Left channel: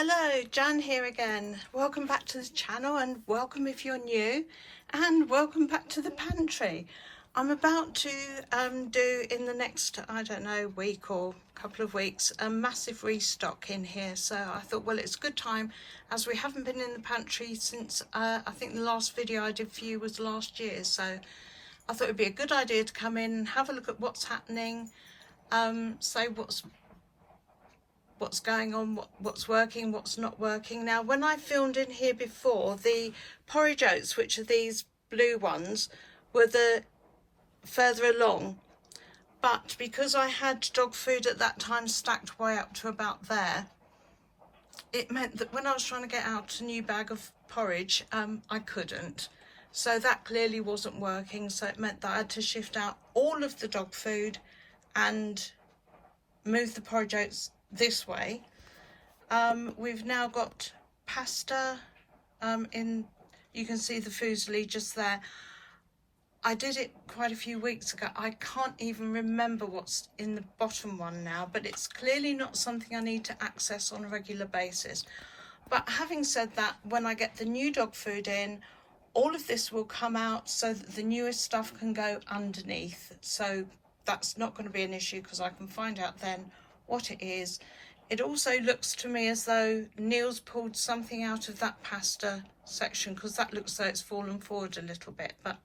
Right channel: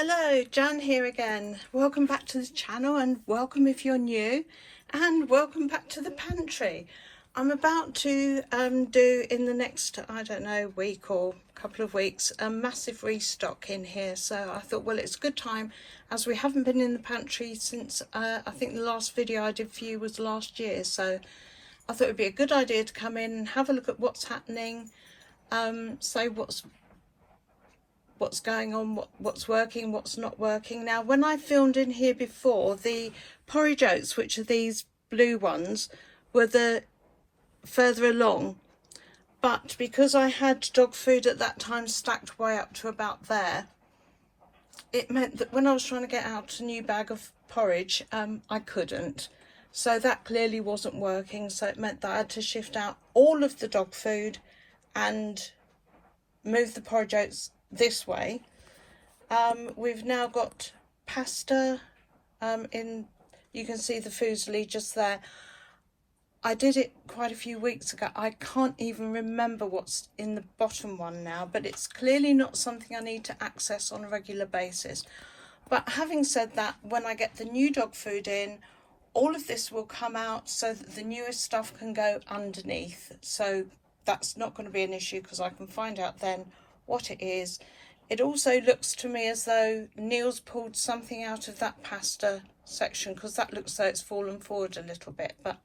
Hello, Jan here again. Welcome back to the channel, and welcome if you're new, and welcome back to the pantry. I'm about to do in the next, I don't know, week or couple of weeks, a massive restock in here. So I thought, well, it's a good time as we haven't been in the pantry since I think the last video I did for you was last year. So I thought it'd be a good idea to come in and have a look at what's happening, say what's going on, what's working, what's not working. Now, when I filmed in here before, the porridge oats, which are these blue ones, were the further along, but because I had dog food at that time stacked way up to about there, it meant that when I was trying to get out a new bag of porridge, I couldn't. So that clearly wasn't working, so it meant that I had to shift out all of the dog food and move the porridge oats this way. We've now got pasta you can see the fusilli just there. I did it quite a few weeks ago. I can't even remember what's in the bottom one now, but it's clearly not something I need to access on a regular basis. But having said that, when I get the new dog food in, all of this will come out so that the newest stuff can go underneath. So that's not going to be an issue because I can find out then what it is. It also looks to me as though Neil's pulled something out of that pasta section, because that looks though it's fallen forward a little bit, but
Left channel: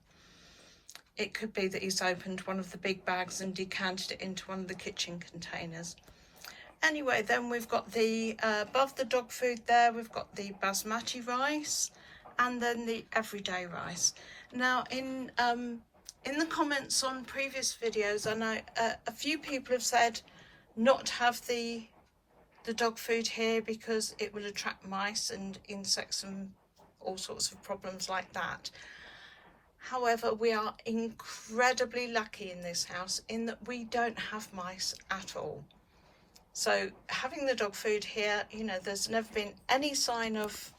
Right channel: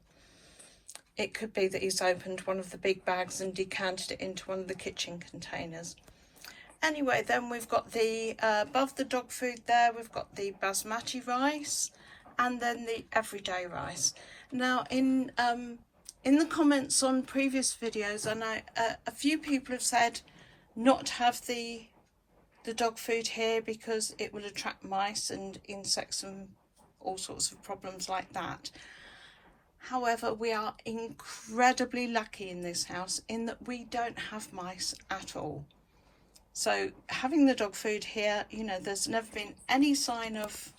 it could be that he's opened one of the big bags and decanted it into one of the kitchen containers. Anyway, then we've got the above the dog food there, we've got the basmati rice and then the everyday rice. Now in the comments on previous videos, I know a few people have said not to have the dog food here because it will attract mice and insects and all sorts of problems like that. However, we are incredibly lucky in this house in that we don't have mice at all. So having the dog food here, you know, there's never been any sign of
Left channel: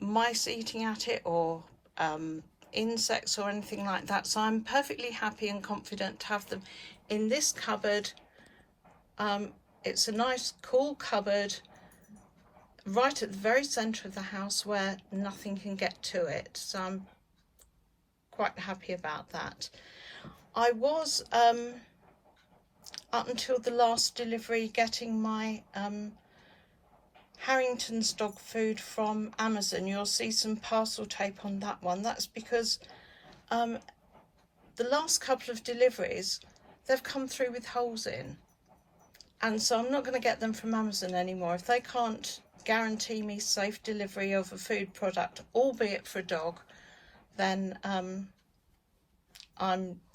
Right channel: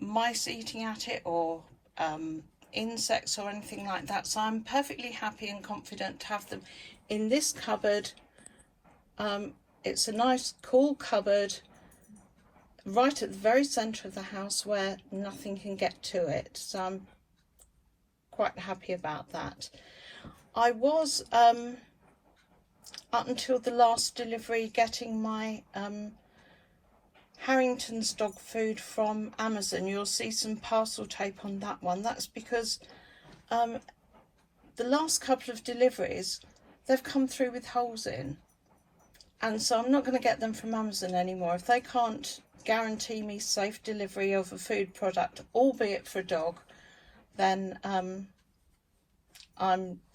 mice eating at it or insects or anything like that. So I'm perfectly happy and confident to have them in this cupboard. It's a nice cool cupboard right at the very centre of the house where nothing can get to it, so I'm quite happy about that. I was up until the last delivery getting my Harrington's dog food from Amazon. You'll see some parcel tape on that one. That's because the last couple of deliveries they've come through with holes in, and so I'm not going to get them from Amazon anymore. If they can't guarantee me safe delivery of a food product, albeit for a dog, then I'm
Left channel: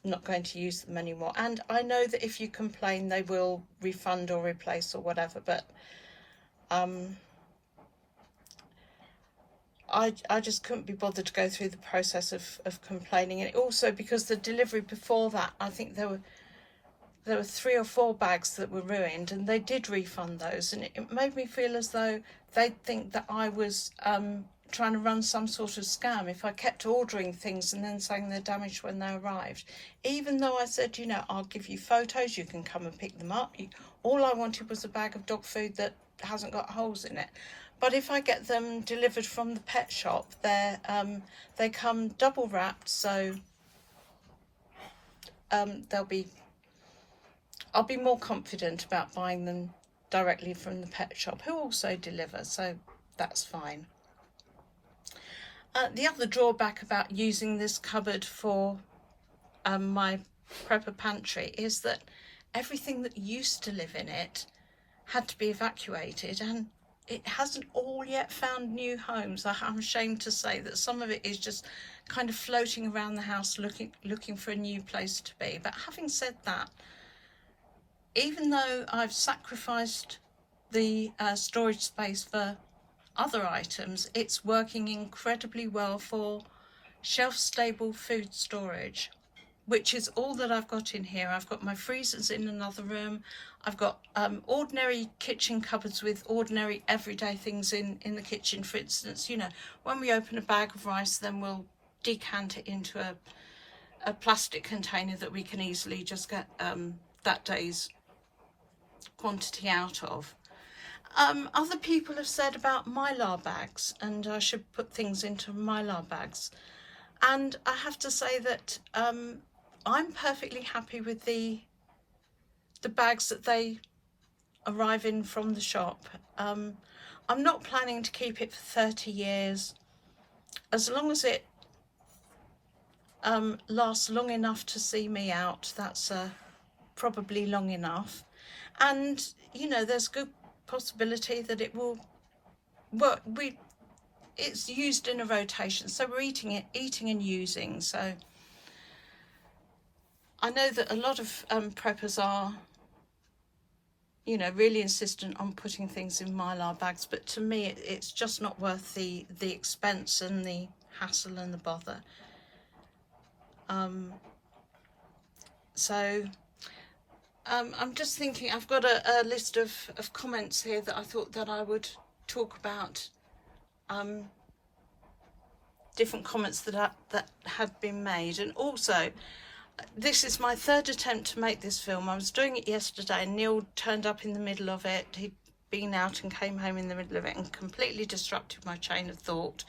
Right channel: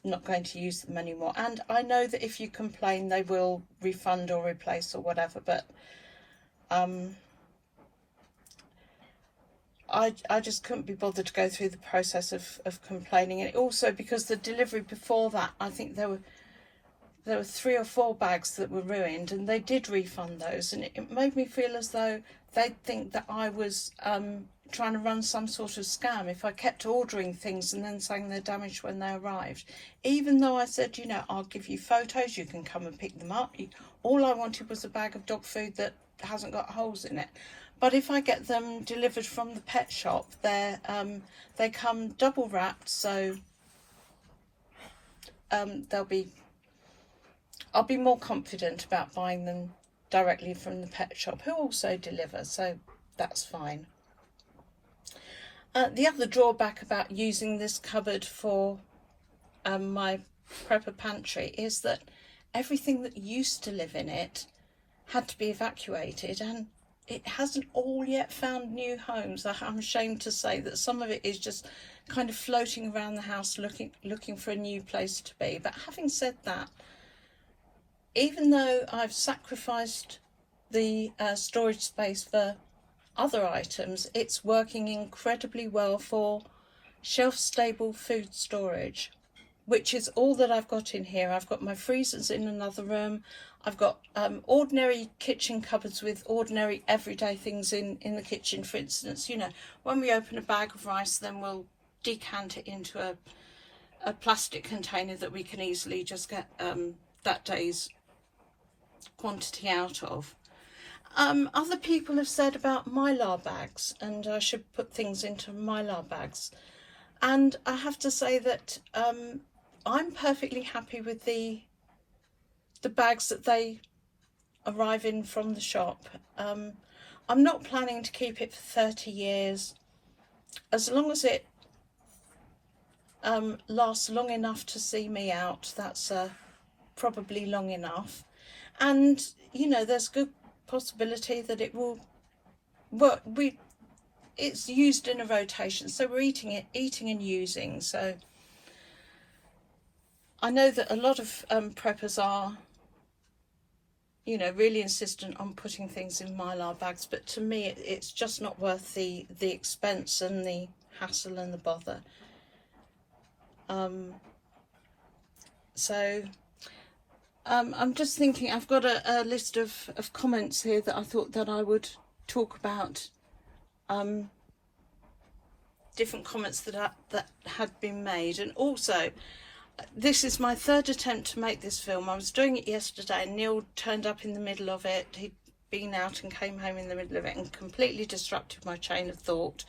not going to use them anymore. And I know that if you complain they will refund or replace or whatever, but I just couldn't be bothered to go through the process of complaining. And also because the delivery before that, I think there were 3 or 4 bags that were ruined, and they did refund those, and it made me feel as though they'd think that I was trying to run some sort of scam if I kept ordering things and then saying they're damaged when they arrived. Even though I said, you know, I'll give you photos, you can come and pick them up. All I wanted was a bag of dog food that hasn't got holes in it. But if I get them delivered from the pet shop, they come double wrapped, so I'll be more confident about buying them directly from the pet shop, who also deliver, so that's fine. The other drawback about using this cupboard for my prepper pantry is that everything that used to live in it had to be evacuated, and it hasn't all yet found new homes. I'm ashamed to say that some of it is just kind of floating around the house looking for a new place to be. But having said that, even though I've sacrificed the storage space for other items, it's working incredibly well for shelf-stable food storage, which is all that I've got in here. I've got my freezers in another room. I've got ordinary kitchen cupboards with ordinary everyday things in the kitchen. For instance, you know, when we open a bag of rice, then we'll decant it into a plastic container that we can easily just get that day's quantity out of. Other people have said about Mylar bags, and I should put things into Mylar bags. And I have to say that I'm perfectly happy with the bags that they arrive in from the shop. I'm not planning to keep it for 30 years. As long as it lasts long enough to see me out, that's probably long enough. And you know, there's good possibility that it will work. It's used in a rotation, so we're eating and using. So I know that a lot of preppers are, you know, really insistent on putting things in Mylar bags, but to me it's just not worth the expense and the hassle and the bother. I'm just thinking, I've got a list of comments here that I thought that I would talk about, different comments that had been made. And also, this is my third attempt to make this film. I was doing it yesterday and Neil turned up in the middle of it. He'd been out and came home in the middle of it and completely disrupted my chain of thought.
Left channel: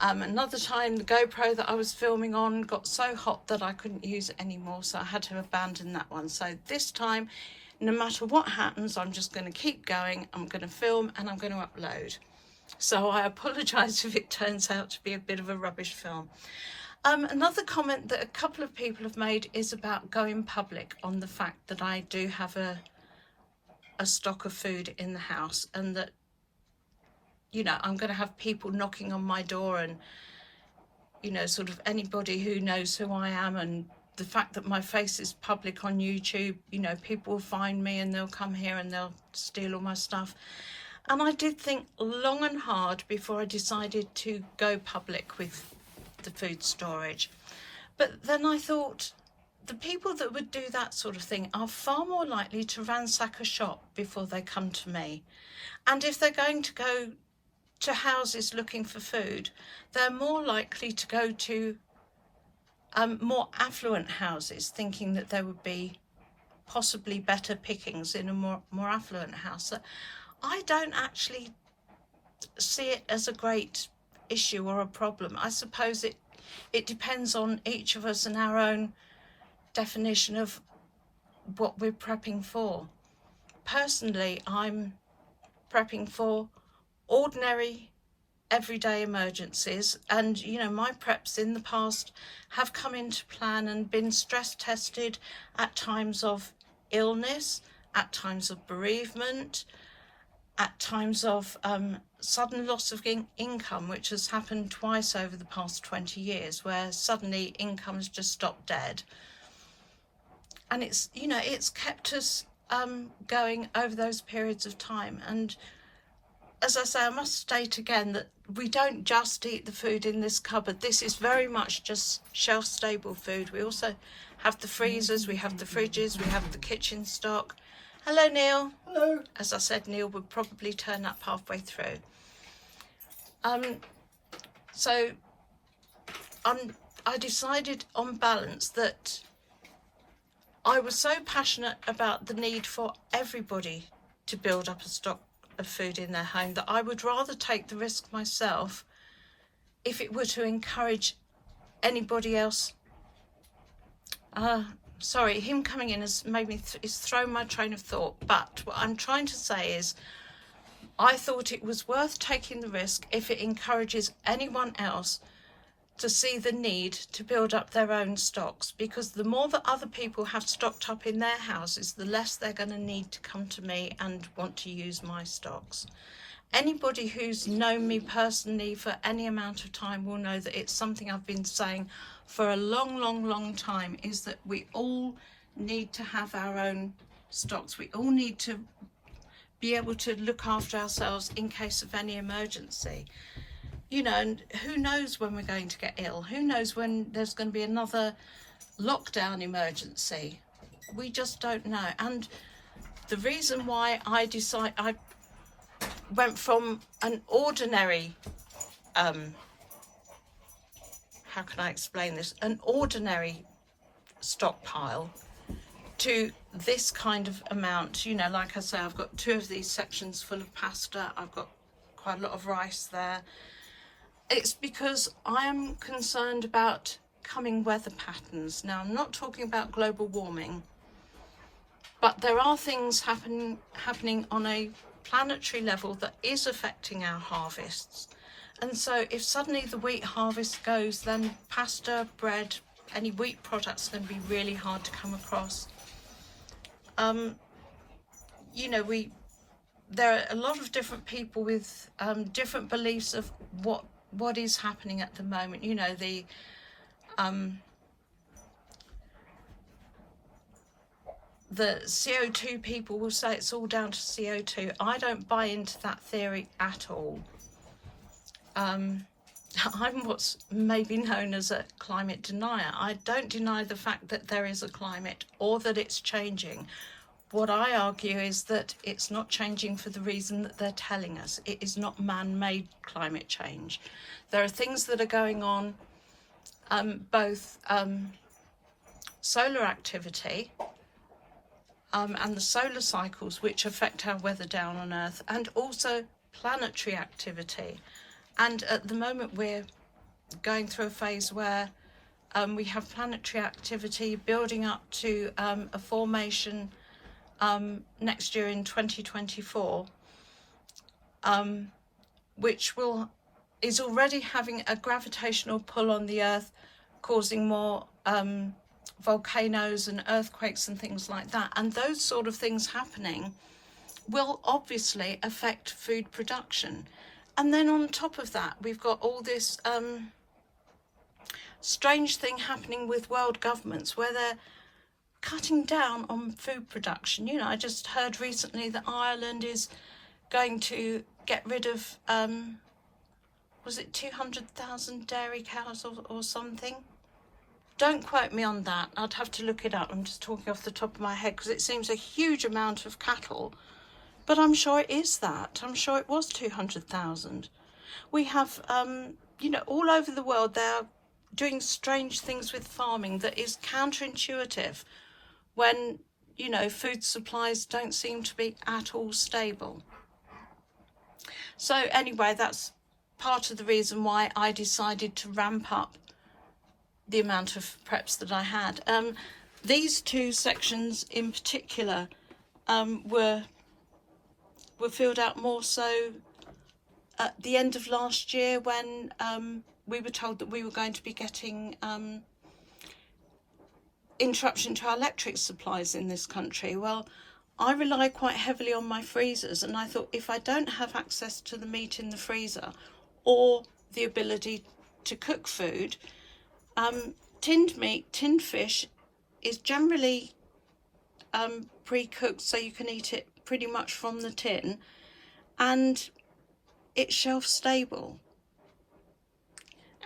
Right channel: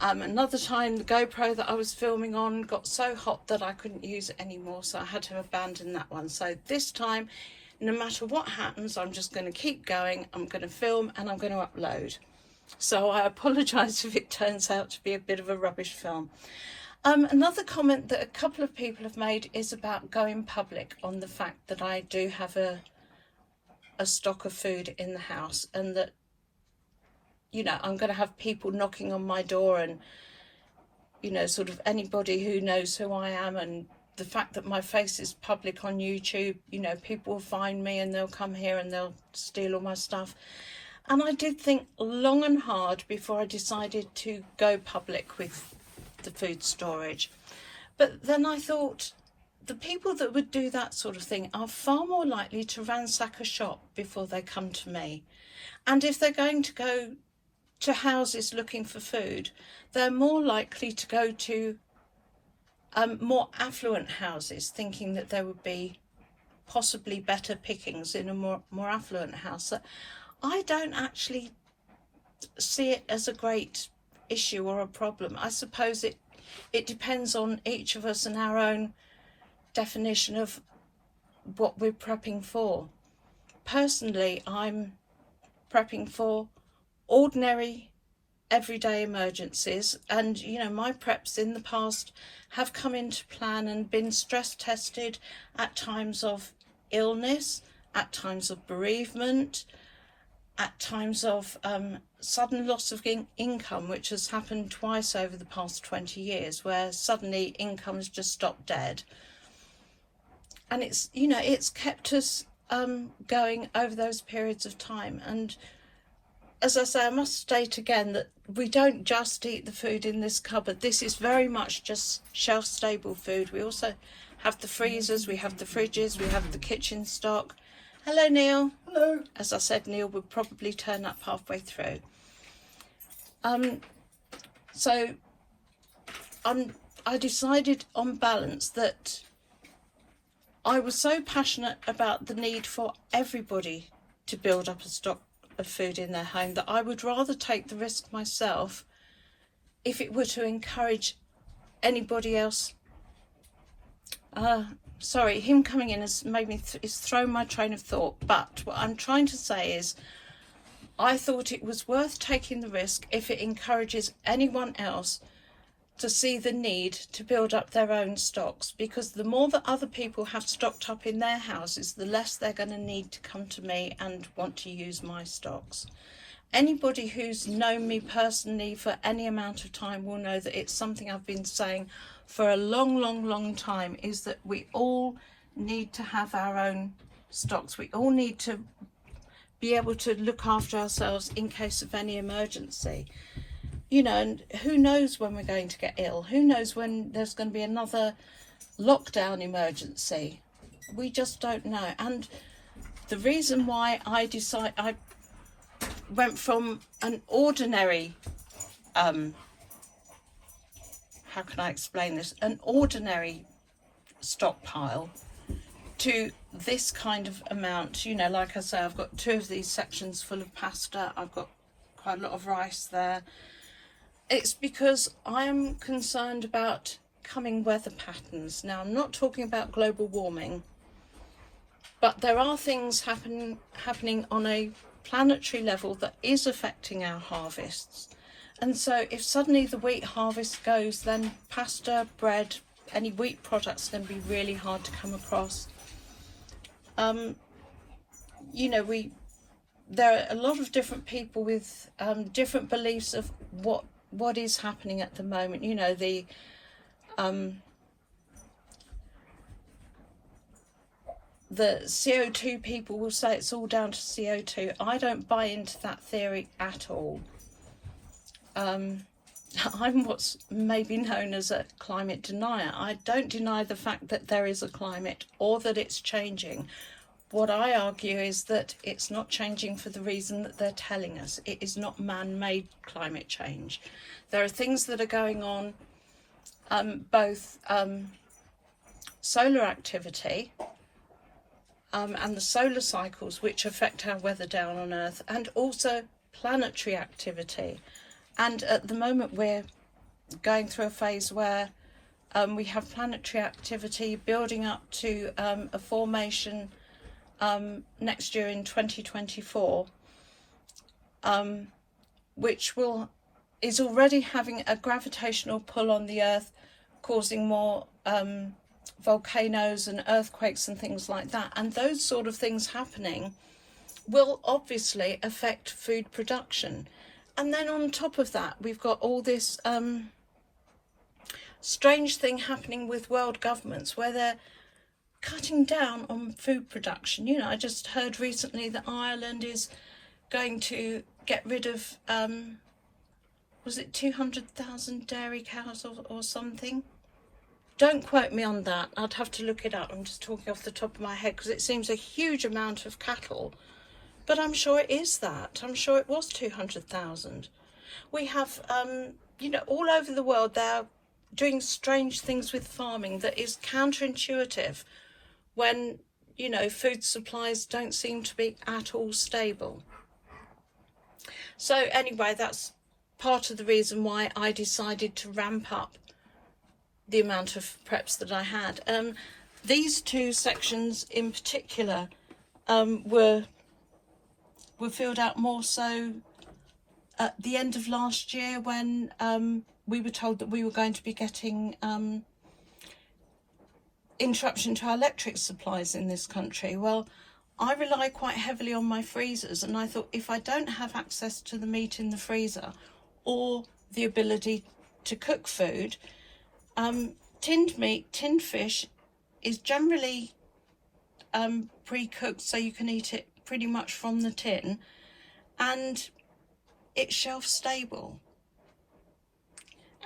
Another time the GoPro that I was filming on got so hot that I couldn't use it anymore, so I had to abandon that one. So this time, no matter what happens, I'm just going to keep going. I'm going to film and I'm going to upload. So I apologise if it turns out to be a bit of a rubbish film. Another comment that a couple of people have made is about going public on the fact that I do have a stock of food in the house, and that, you know, I'm going to have people knocking on my door, and, you know, sort of anybody who knows who I am, and the fact that my face is public on YouTube, you know, people will find me and they'll come here and they'll steal all my stuff. And I did think long and hard before I decided to go public with the food storage. But then I thought, the people that would do that sort of thing are far more likely to ransack a shop before they come to me. And if they're going to go to houses looking for food, they're more likely to go to more affluent houses, thinking that there would be possibly better pickings in a more affluent house. So I don't actually see it as a great issue or a problem. I suppose it depends on each of us and our own definition of what we're prepping for. Personally, I'm prepping for ordinary everyday emergencies, and you know, my preps in the past have come into plan and been stress tested at times of illness, at times of bereavement, at times of sudden loss of income, which has happened twice over the past 20 years, where suddenly income has just stopped dead. And it's, you know, it's kept us going over those periods of time. And as I say, I must state again that we don't just eat the food in this cupboard. This is very much just shelf-stable food. We also have the freezers, we have the fridges, we have the kitchen stock. Hello, Neil. Hello. As I said, Neil would probably turn up halfway through. So I decided on balance that I was so passionate about the need for everybody to build up a stock of food in their home that I would rather take the risk myself if it were to encourage anybody else. Sorry, him coming in has made me it's thrown my train of thought, but what I'm trying to say is I thought it was worth taking the risk if it encourages anyone else to see the need to build up their own stocks, because the more that other people have stocked up in their houses, the less they're going to need to come to me and want to use my stocks. Anybody who's known me personally for any amount of time will know that it's something I've been saying for a long time, is that we all need to have our own stocks. We all need to be able to look after ourselves in case of any emergency. You know, and who knows when we're going to get ill? Who knows when there's going to be another lockdown emergency? We just don't know. And the reason why I went from an ordinary, how can I explain this? An ordinary stockpile to this kind of amount. You know, like I say, I've got 2 of these sections full of pasta. I've got quite a lot of rice there. It's because I am concerned about coming weather patterns. Now, I'm not talking about global warming, but there are things happening on a planetary level that is affecting our harvests. And so if suddenly the wheat harvest goes, then pasta, bread, any wheat products are going to be really hard to come across. You know, there are a lot of different people with different beliefs of what is happening at the moment. You know, the CO2 people will say it's all down to CO2. I don't buy into that theory at all. I'm what's maybe known as a climate denier. I don't deny the fact that there is a climate or that it's changing. What I argue is that it's not changing for the reason that they're telling us. It is not man-made climate change. There are things that are going on, both solar activity and the solar cycles, which affect our weather down on Earth, and also planetary activity. And at the moment we're going through a phase where we have planetary activity building up to a formation next year in 2024, which is already having a gravitational pull on the Earth, causing more volcanoes and earthquakes and things like that. And those sort of things happening will obviously affect food production. And then on top of that, we've got all this strange thing happening with world governments where they're cutting down on food production. You know, I just heard recently that Ireland is going to get rid of, was it 200,000 dairy cows or something? Don't quote me on that. I'd have to look it up. I'm just talking off the top of my head because it seems a huge amount of cattle. But I'm sure it is that. I'm sure it was 200,000. We have, you know, all over the world, they're doing strange things with farming that is counterintuitive when, you know, food supplies don't seem to be at all stable. So anyway, that's part of the reason why I decided to ramp up the amount of preps that I had. These 2 sections in particular were filled out more so at the end of last year when we were told that we were going to be getting interruption to our electric supplies in this country. Well, I rely quite heavily on my freezers, and I thought if I don't have access to the meat in the freezer or the ability to cook food, tinned meat, tinned fish is generally pre-cooked, so you can eat it pretty much from the tin, and it's shelf stable.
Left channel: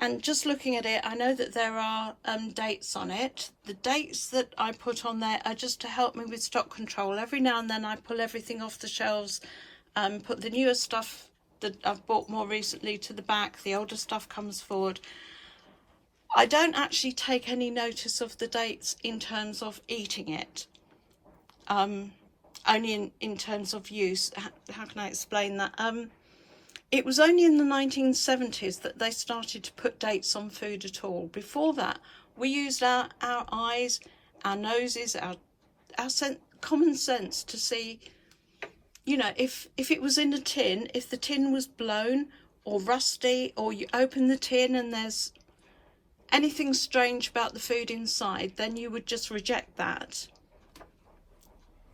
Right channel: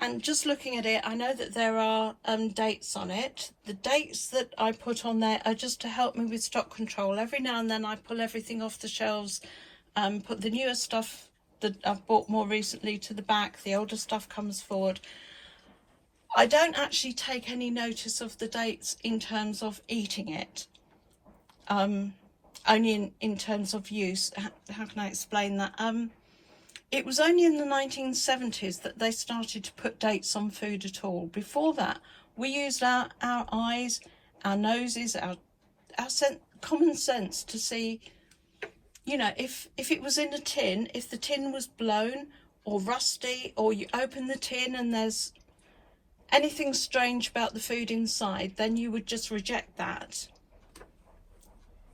And just looking at it, I know that there are dates on it. The dates that I put on there are just to help me with stock control. Every now and then I pull everything off the shelves, put the newer stuff that I've bought more recently to the back, the older stuff comes forward. I don't actually take any notice of the dates in terms of eating it, only in terms of use. How can I explain that? It was only in the 1970s that they started to put dates on food at all. Before that, we used our eyes, our noses, our common sense to see, you know, if it was in a tin, if the tin was blown or rusty, or you open the tin and there's anything strange about the food inside, then you would just reject that.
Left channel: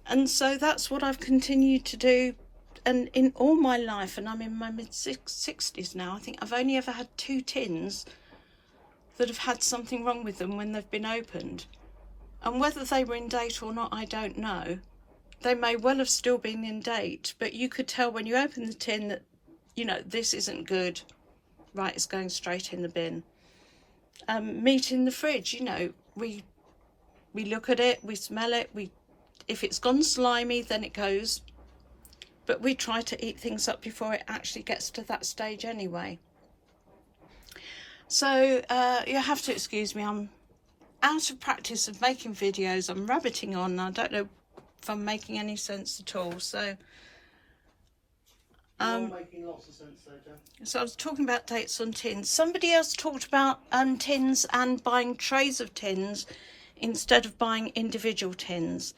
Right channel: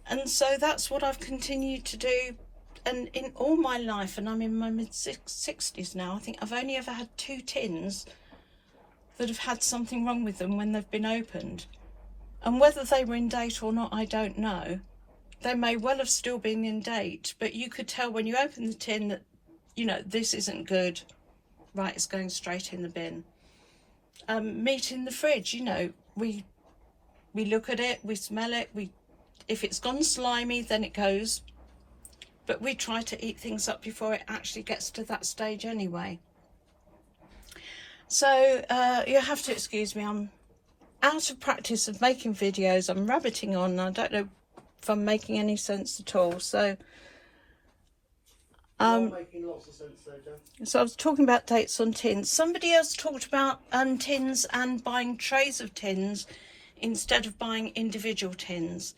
And so that's what I've continued to do. And in all my life, and I'm in my mid-60s now, I think I've only ever had 2 tins that have had something wrong with them when they've been opened. And whether they were in date or not, I don't know. They may well have still been in date, but you could tell when you open the tin that, you know, this isn't good. Right, it's going straight in the bin. Meat in the fridge, you know, we look at it, we smell it, if it's gone slimy, then it goes. But we try to eat things up before it actually gets to that stage anyway. So you have to excuse me, I'm out of practice of making videos. I'm rabbiting on. I don't know if I'm making any sense at all. So making lots of sense there, Jen. so I was talking about dates on tins. Somebody else talked about tins and buying trays of tins instead of buying individual tins.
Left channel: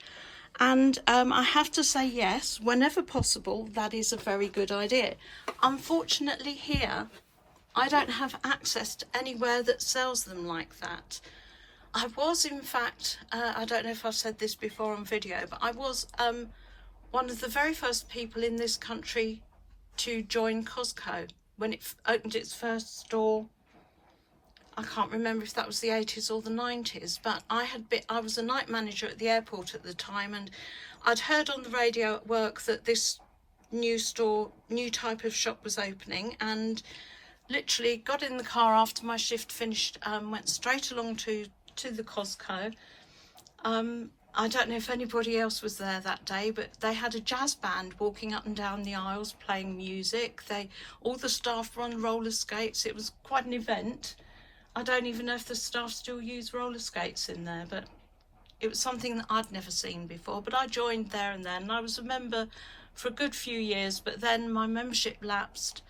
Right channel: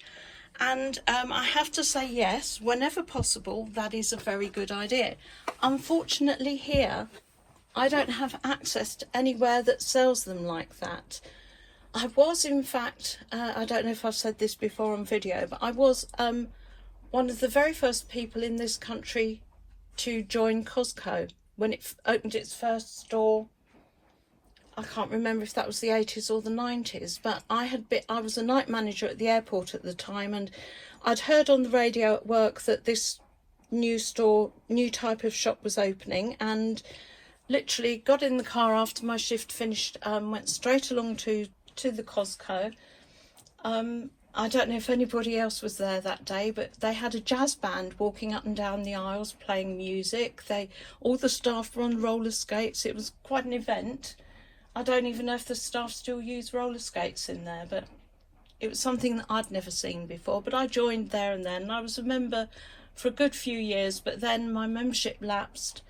And I have to say, yes, whenever possible, that is a very good idea. Unfortunately here, I don't have access to anywhere that sells them like that. I was, in fact, I don't know if I've said this before on video, but I was one of the very first people in this country to join Costco when it opened its first store. I can't remember if that was the 80s or the 90s, but I was a night manager at the airport at the time, and I'd heard on the radio at work that this new type of shop was opening, and literally got in the car after my shift finished, went straight along to the Costco. I don't know if anybody else was there that day, but they had a jazz band walking up and down the aisles playing music. All the staff were on roller skates. It was quite an event. I don't even know if the staff still use roller skates in there, but it was something that I'd never seen before. But I joined there and then, and I was a member for a good few years, but then my membership lapsed.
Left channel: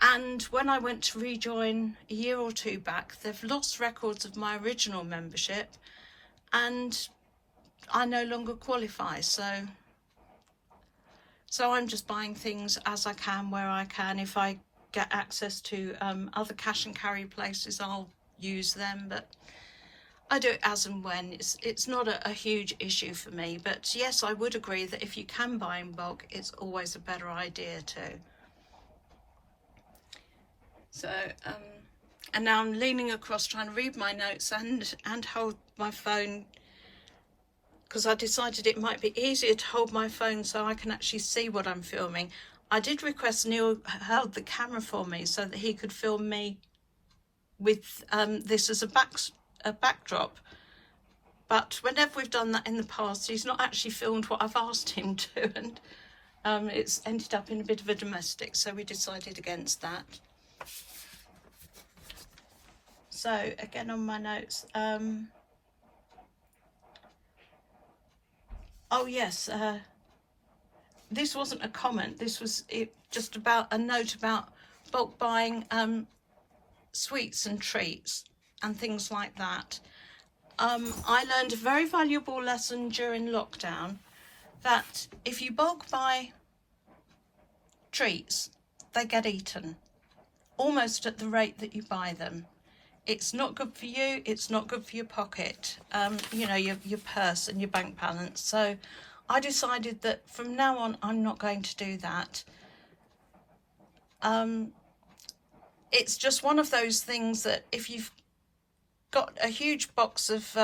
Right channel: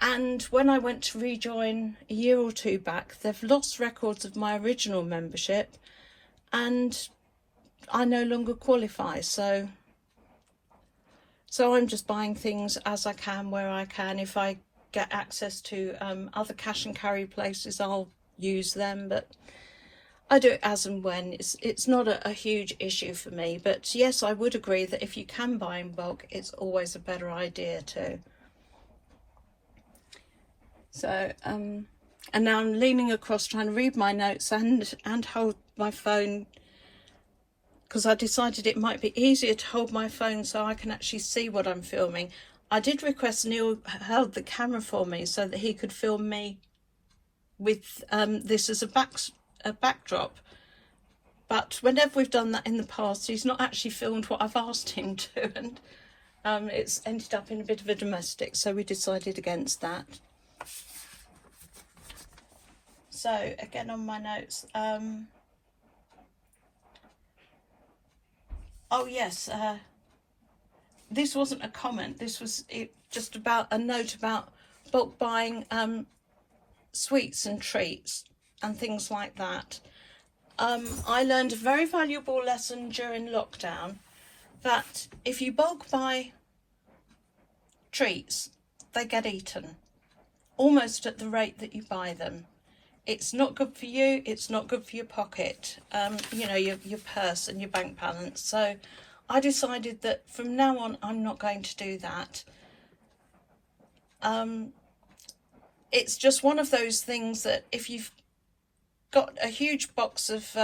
And when I went to rejoin a year or two back, they've lost records of my original membership, and I no longer qualify. So I'm just buying things as I can, where I can. If I get access to other cash and carry places, I'll use them, but I do it as and when. It's not a huge issue for me. But yes, I would agree that if you can buy in bulk, it's always a better idea too. So and now I'm leaning across trying to read my notes and hold my phone, because I decided it might be easier to hold my phone so I can actually see what I'm filming. I did request Neil held the camera for me so that he could film me with this as a backdrop. But whenever we've done that in the past, he's not actually filmed what I've asked him to, and it's ended up in a bit of a domestic, so we decided against that. So again on my notes, oh yes, this wasn't a comment, this was just about a note about bulk buying sweets and treats and things like that. I learned a very valuable lesson during lockdown, that if you bulk buy treats, they get eaten almost at the rate that you buy them. It's not good for you, it's not good for your pocket, you know, your purse and your bank balance. So I decided that from now on, I'm not going to do that. It's just one of those things that if you've got a huge box of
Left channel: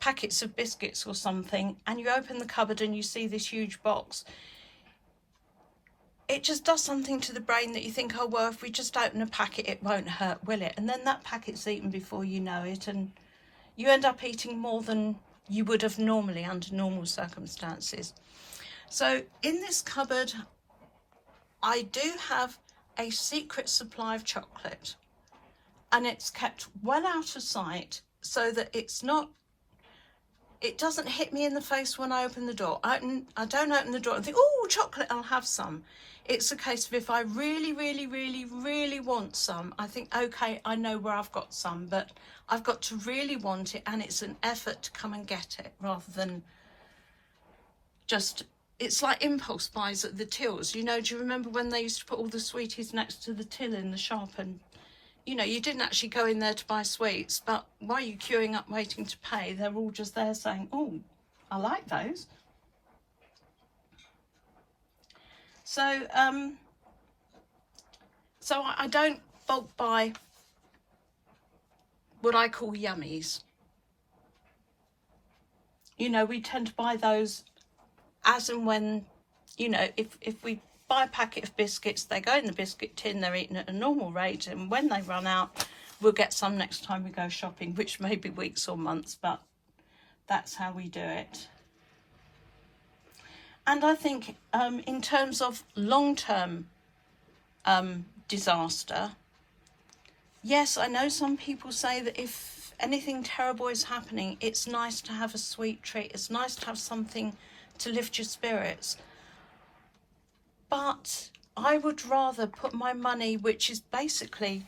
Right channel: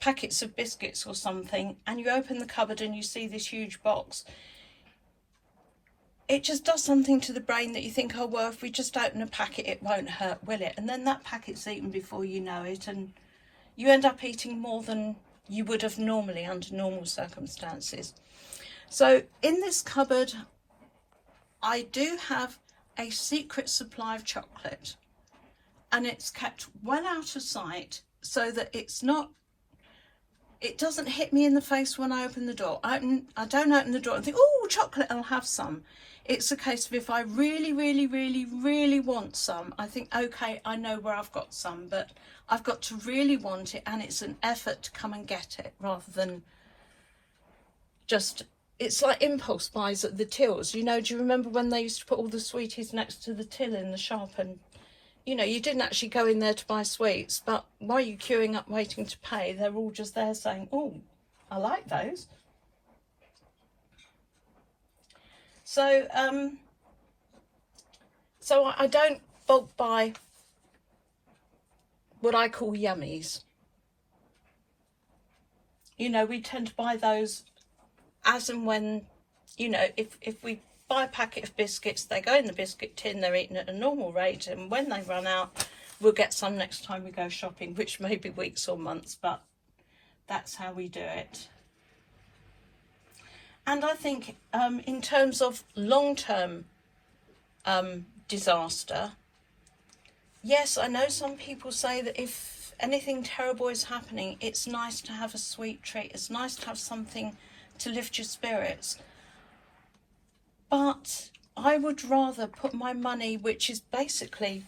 packets of biscuits or something, and you open the cupboard and you see this huge box, it just does something to the brain that you think, oh, well, if we just open a packet, it won't hurt, will it? And then that packet's eaten before you know it, and you end up eating more than you would have normally under normal circumstances. So in this cupboard, I do have a secret supply of chocolate, and it's kept well out of sight so that it doesn't hit me in the face when I open the door. I don't open the door and think, oh, chocolate, I'll have some. It's a case of if I really, really, really, really want some, I think, okay, I know where I've got some, but I've got to really want it, and it's an effort to come and get it rather than just, it's like impulse buys at the tills. You know, do you remember when they used to put all the sweeties next to the till in the shop, and you know, you didn't actually go in there to buy sweets, but while you're queuing up waiting to pay, they're all just there saying, oh, I like those. So, so I don't bulk buy what I call yummies. You know, we tend to buy those as and when, you know, if we buy a packet of biscuits, they go in the biscuit tin, they're eaten at a normal rate, and when they run out, we'll get some next time we go shopping, which may be weeks or months, but that's how we do it. And I think in terms of long-term disaster, yes, I know some people say that if anything terrible is happening, it's nice to have a sweet treat. It's nice to have something to lift your spirits. But I would rather put my money, which is basically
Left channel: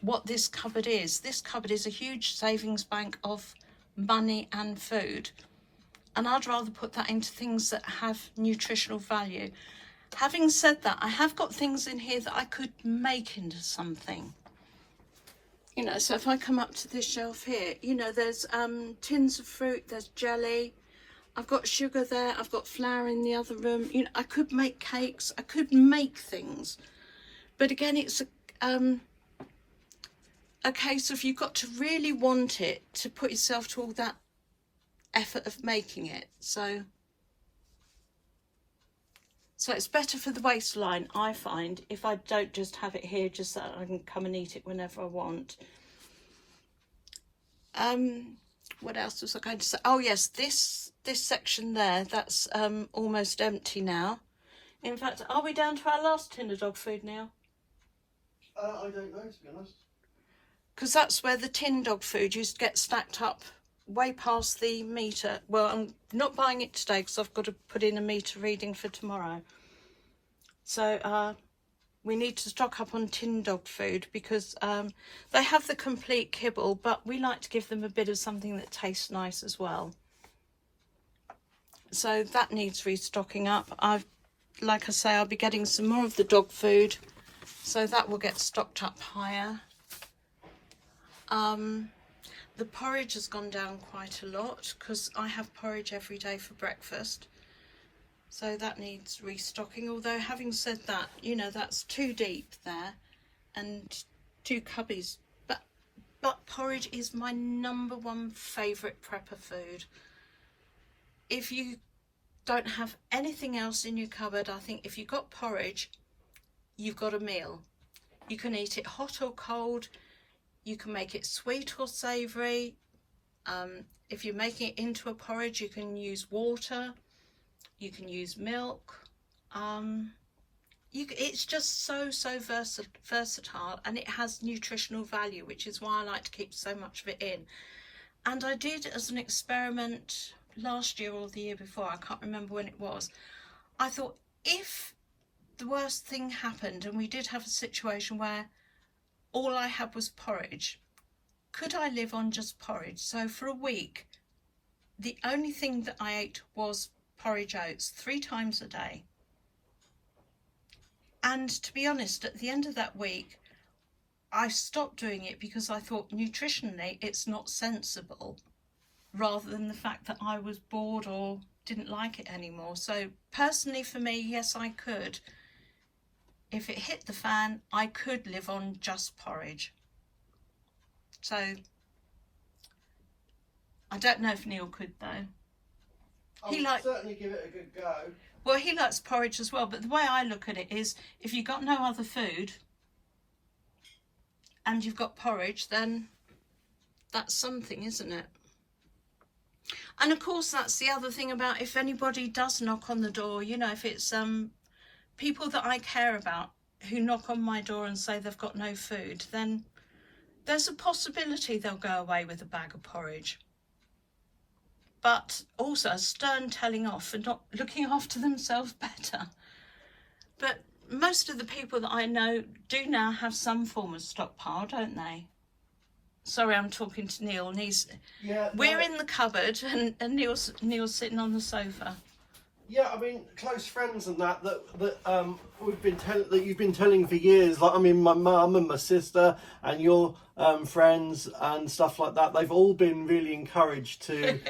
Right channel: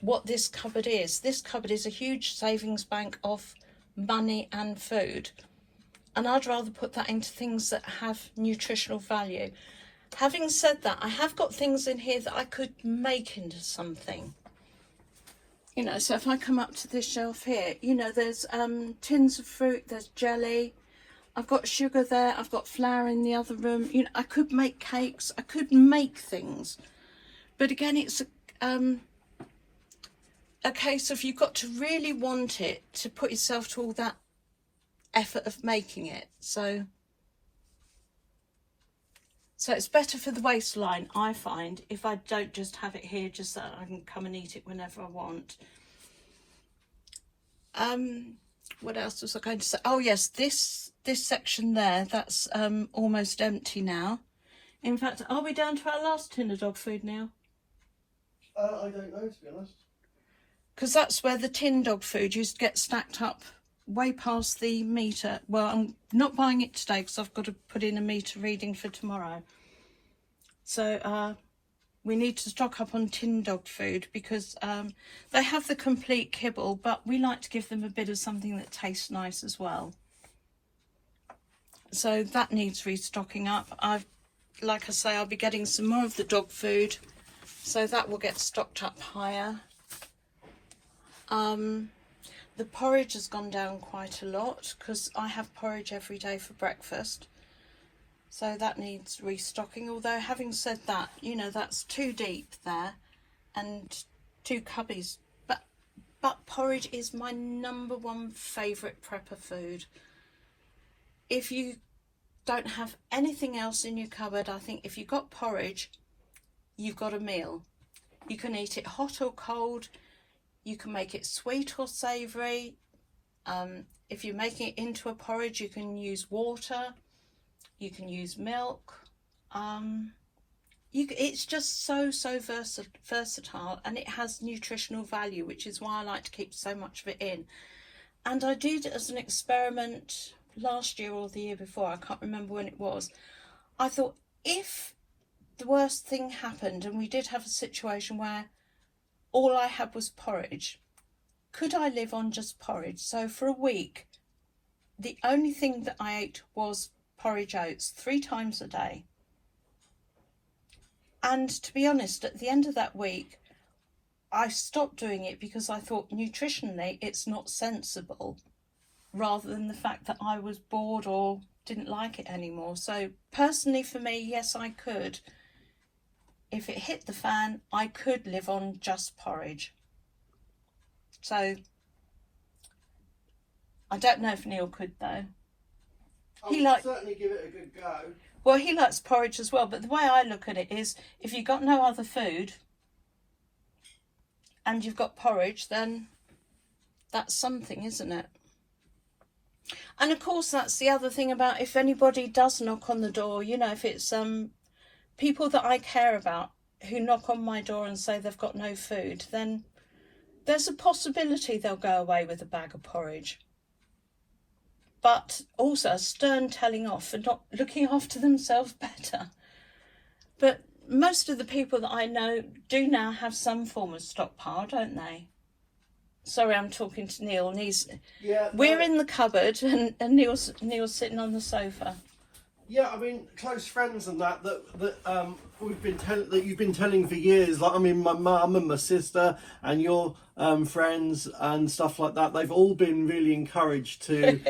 what this cupboard is. This cupboard is a huge savings bank of money and food. And I'd rather put that into things that have nutritional value. Having said that, I have got things in here that I could make into something. You know, so if I come up to this shelf here, you know, there's tins of fruit, there's jelly, I've got sugar there, I've got flour in the other room. You know, I could make cakes, I could make things. But again, it's a case of you've got to really want it to put yourself to all that effort of making it. So it's better for the waistline, I find, if I don't just have it here just so I can come and eat it whenever I want. What else was I going to say? Oh yes, this section there, that's almost empty now. In fact, are we down to our last tin of dog food now? I don't know, to be honest. Because that's where the tin dog food used to get stacked up way past the meter. Well, I'm not buying it today because I've got to put in a meter reading for tomorrow. So we need to stock up on tin dog food because they have the complete kibble, but we like to give them a bit of something that tastes nice as well. So that needs restocking up. Like I say, I'll be getting some more of the dog food, so that will get stocked up higher. The porridge has gone down quite a lot because I have porridge every day for breakfast. So that needs restocking. Although having said that, you know, that's too deep there and 2 cubbies. But porridge is my #1 favourite prepper food. If you don't have anything else in your cupboard, I think if you've got porridge, you've got a meal. You can eat it hot or cold. You can make it sweet or savoury. If you're making it into a porridge, you can use water. You can use milk. It's just so versatile, and it has nutritional value, which is why I like to keep so much of it in. And I did it as an experiment last year or the year before. I can't remember when it was. I thought, if the worst thing happened and we did have a situation where all I had was porridge, could I live on just porridge? So for a week, the only thing that I ate was porridge oats 3 times a day. And to be honest, at the end of that week, I stopped doing it because I thought nutritionally it's not sensible, rather than the fact that I was bored or didn't like it anymore. So personally for me, yes, I could. If it hit the fan, I could live on just porridge. So I don't know if Neil could though. I'll certainly give it a good go. Well, he likes porridge as well, but the way I look at it is, if you've got no other food and you've got porridge, then that's something, isn't it? And of course, that's the other thing about, if anybody does knock on the door, you know, if it's people that I care about who knock on my door and say they've got no food, then there's a possibility they'll go away with a bag of porridge. But also a stern telling off for not looking after themselves better. But most of the people that I know do now have some form of stockpile, don't they? Sorry, I'm talking to Neil, and we're in the cupboard, and Neil's sitting on the sofa. Yeah, I mean, close friends and that you've been telling for years. Like, I mean, my mum and my sister and your friends and stuff like that. They've all been really encouraged to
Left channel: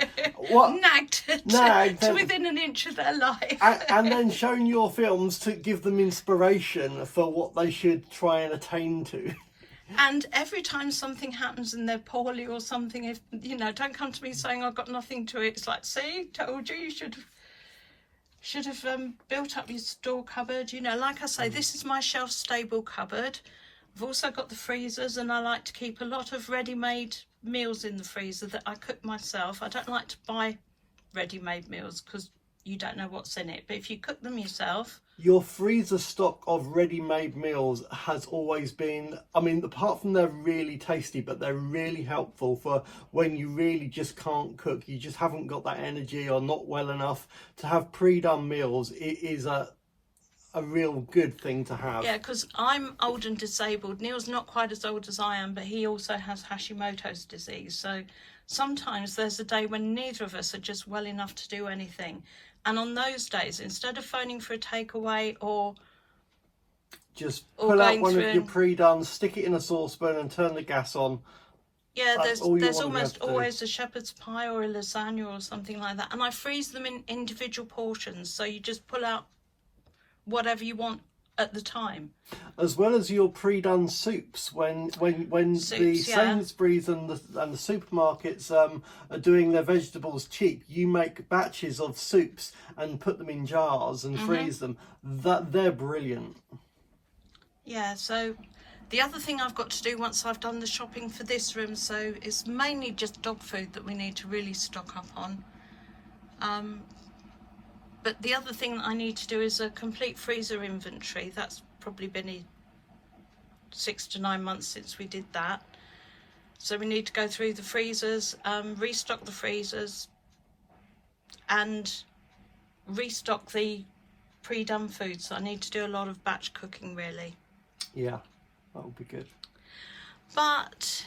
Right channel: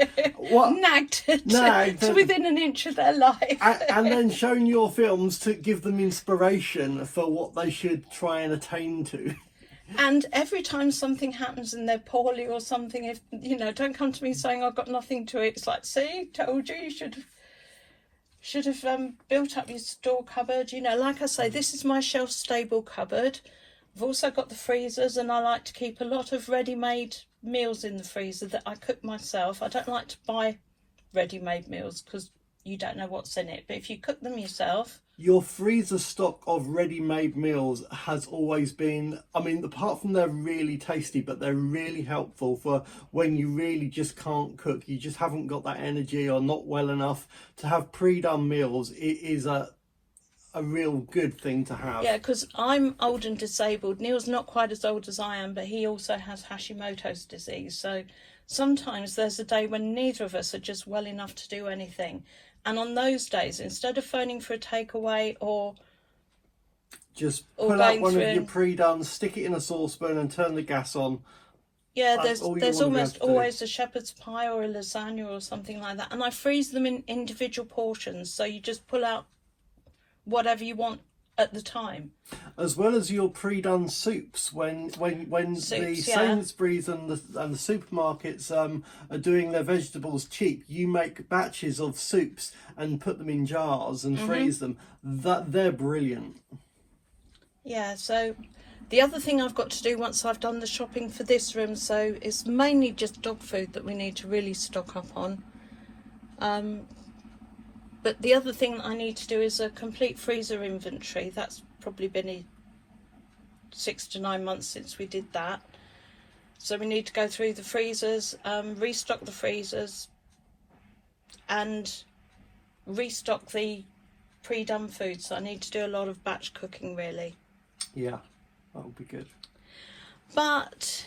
nagged to within an inch of their life, and then shown your films to give them inspiration for what they should try and attain to. And every time something happens and they're poorly or something, if you know, don't come to me saying I've got nothing to eat. It's like, see, told you, you should have built up your store cupboard. You know, like I say, this is my shelf stable cupboard. I've also got the freezers, and I like to keep a lot of ready-made meals in the freezer that I cook myself. I don't like to buy ready-made meals because you don't know what's in it. But if you cook them yourself, your freezer stock of ready-made meals has always been, I mean, apart from they're really tasty, but they're really helpful for when you really just can't cook, you just haven't got that energy or not well enough to have pre-done meals. It is a real good thing to have. yeah, because I'm old and disabled. Neil's not quite as old as I am, but he also has Hashimoto's disease. So sometimes there's a day when neither of us are just well enough to do anything. And on those days, instead of phoning for a takeaway or just pull out one of your pre-done, stick it in a saucepan and turn the gas on. Yeah, there's almost always a shepherd's pie or a lasagna or something like that. And I freeze them in individual portions. So you just pull out whatever you want at the time. As well as your pre-done soups, when soups, the Sainsbury's and the supermarkets are doing their vegetables cheap, you make batches of soups and put them in jars and freeze them. They're brilliant. Yeah, so the other thing I've got to do once I've done the shopping for this room, so it's mainly just dog food that we need to really stock up on. But the other thing that I need to do is a complete freezer inventory. That's probably been 6 to 9 months since we did that. So we need to go through the freezers, restock the freezers, and restock the pre-done food. So I need to do a lot of batch cooking, really. Yeah, that would be good. But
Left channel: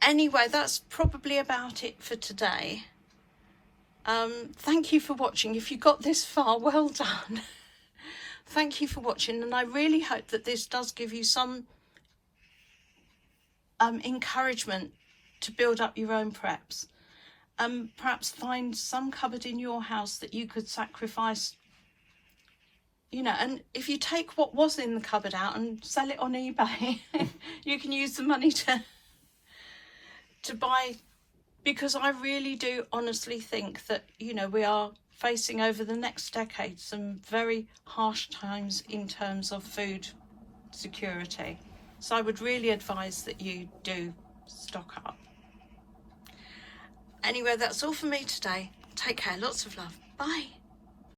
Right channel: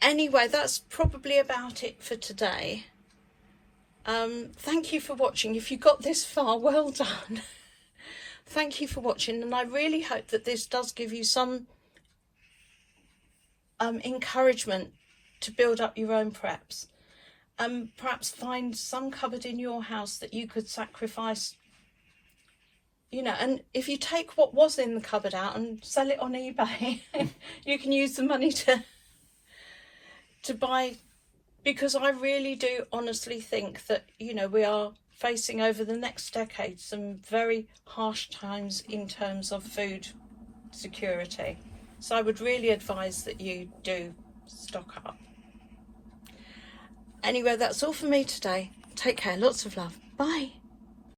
anyway, that's probably about it for today. Thank you for watching. If you got this far, well done. Thank you for watching, and I really hope that this does give you some encouragement to build up your own preps. Perhaps find some cupboard in your house that you could sacrifice, you know, and if you take what was in the cupboard out and sell it on eBay, you can use the money to buy. Because I really do honestly think that, you know, we are facing over the next decade some very harsh times in terms of food security. So I would really advise that you do stock up. Anyway, that's all for me today. Take care. Lots of love. Bye.